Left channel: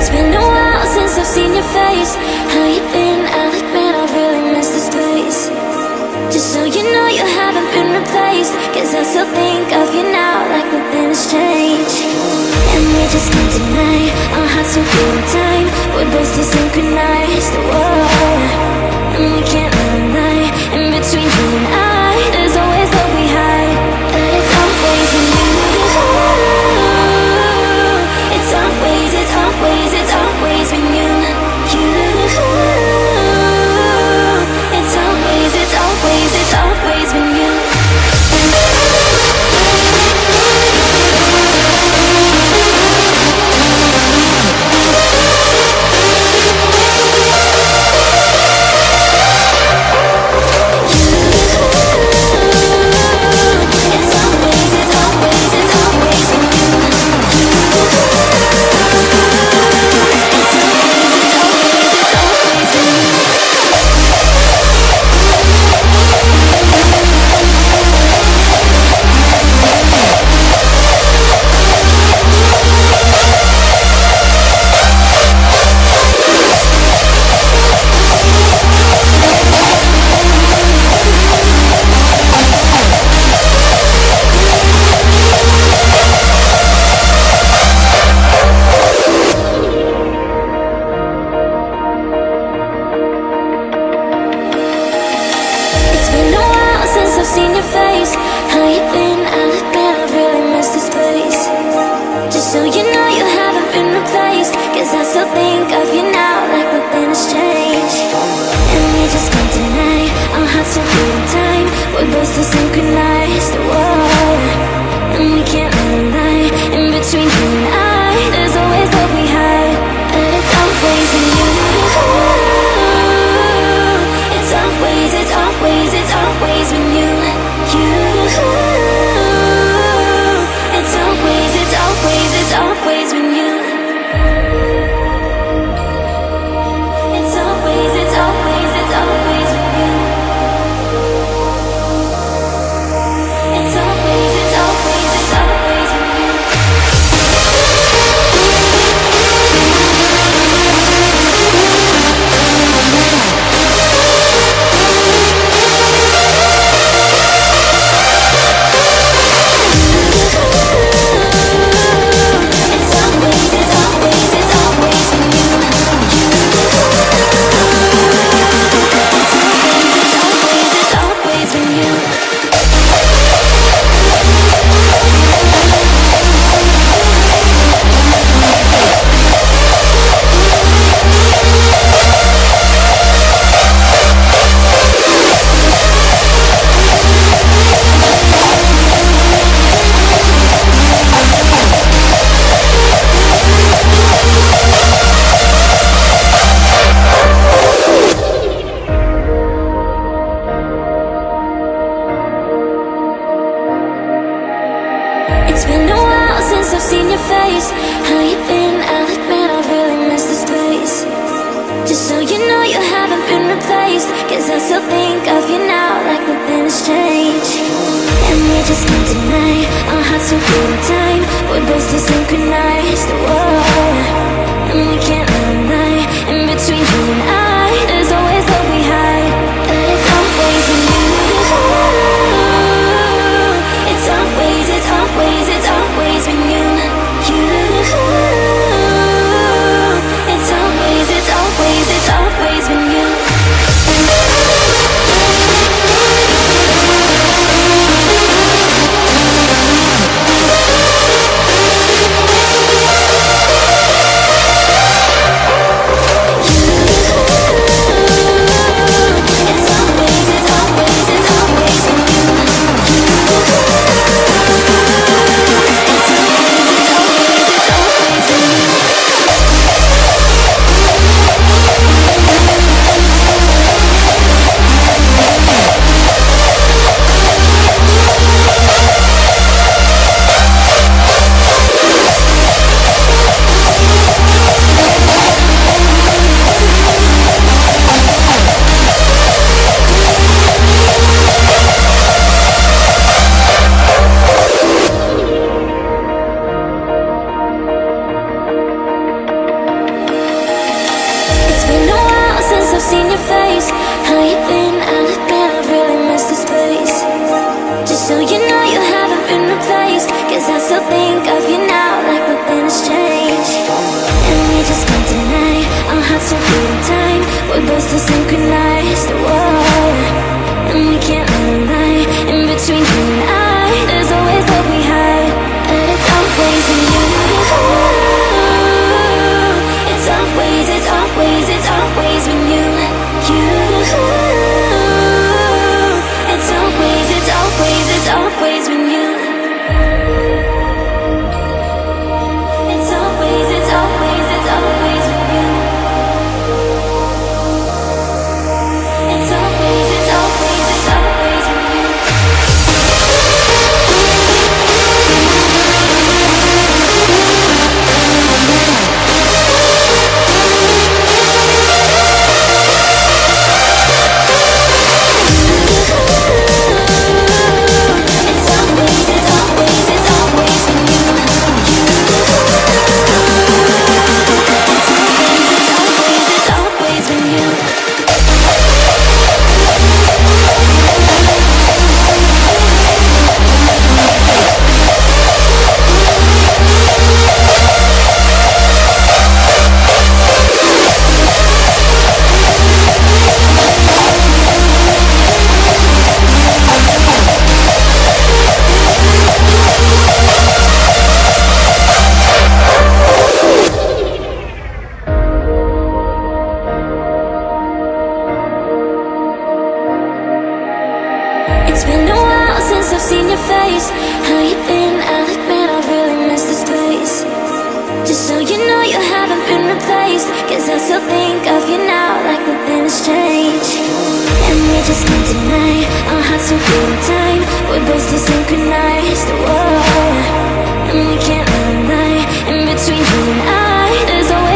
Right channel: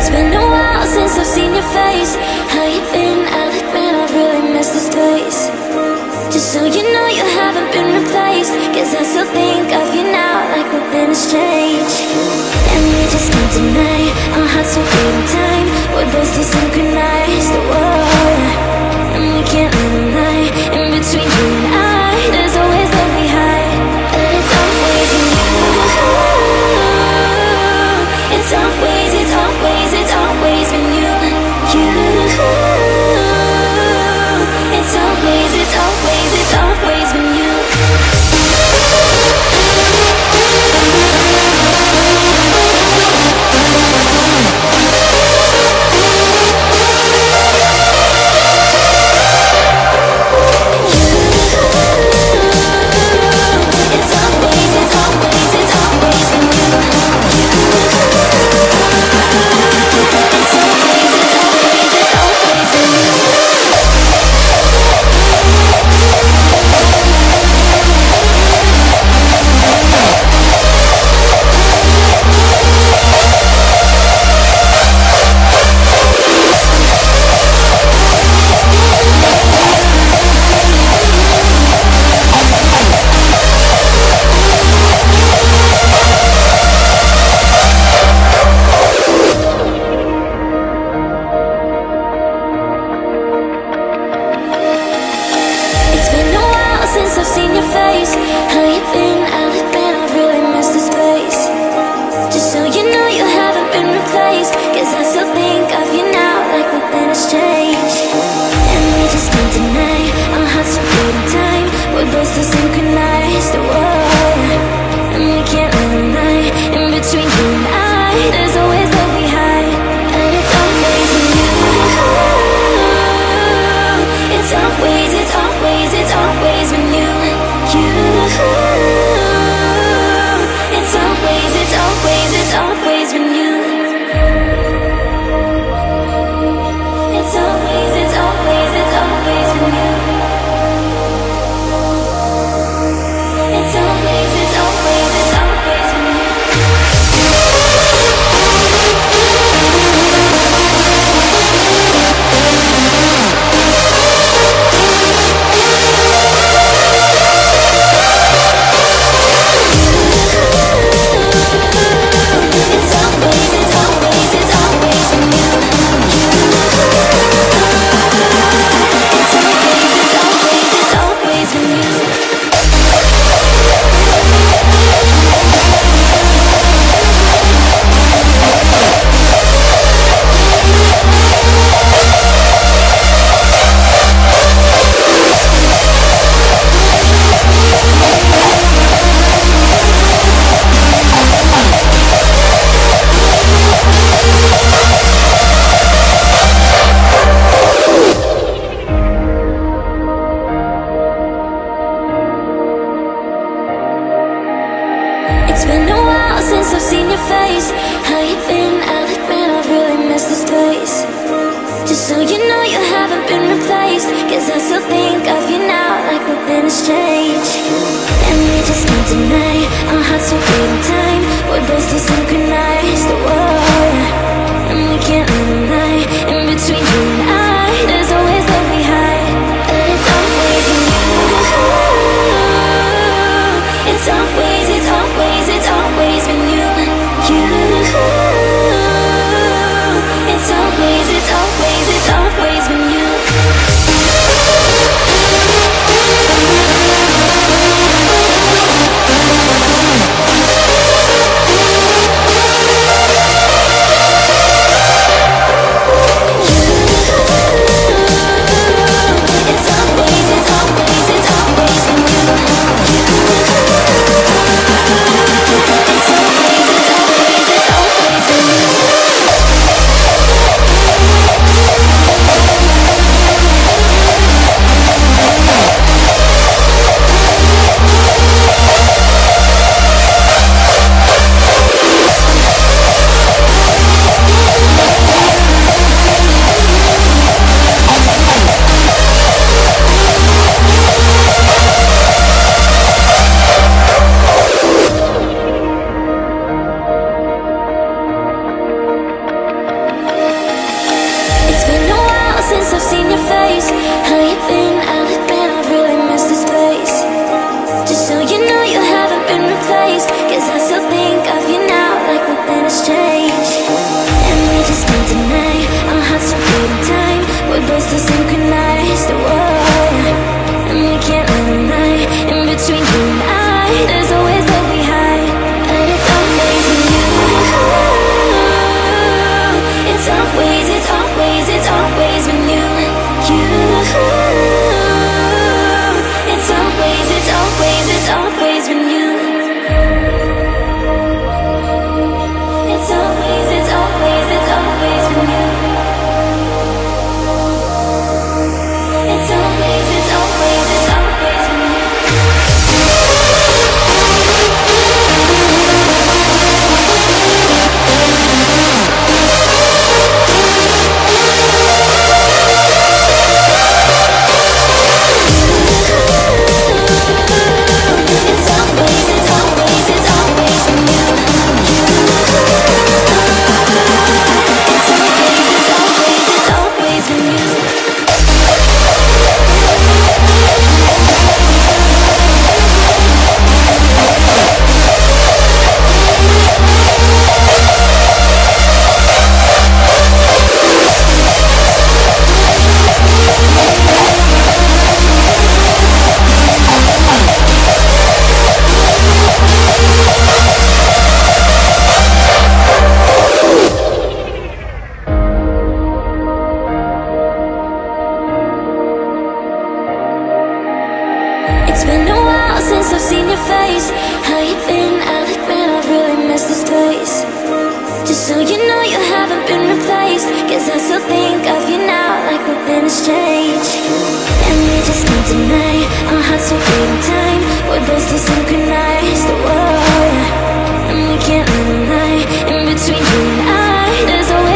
It's been a while since I've seen your face. How you been? I'll admit I really miss this place. Just so you know you haven't been replaced, 'cause I still think of you now like nothing has changed. And we just can't deny our hearts so good in time. We're both so synchronized, whoa. And we can't live a lie. In between you and I, there's always love we hide. But it's always with you. It's always, it's always, it's always with you. It's always, it's always, it's always with you. It's been a while since I've seen your face. How you been? I'll admit I really miss this place. Just so you know you haven't been replaced, 'cause I still think of you now like nothing has changed. And we just can't deny our hearts so good in time. We're both so synchronized, whoa. And we can't live a lie. In between you and I, there's always love we hide. But it's always with you. It's always, it's always, it's always with you. It's always, it's always, it's always with you. hearts are beating time. We're both still synchronized. Whoa. And we can't live a lie. In between you and I, there's always love we hide. But it's always with you. It's always, it's always, it's always with you. It's always, it's always, it's always with you. It's always, it's always, it's always with you. It's always, it's always, it's always with you. It's been a while since I've seen your face. How you been? I'll admit I've really missed this place. Just so you know you haven't been replaced, 'cause I still think of you now like nothing has changed. And we just can't deny our hearts are beating time. We're both still synchronized. Whoa. And we can't live a lie. In between you and I, there's always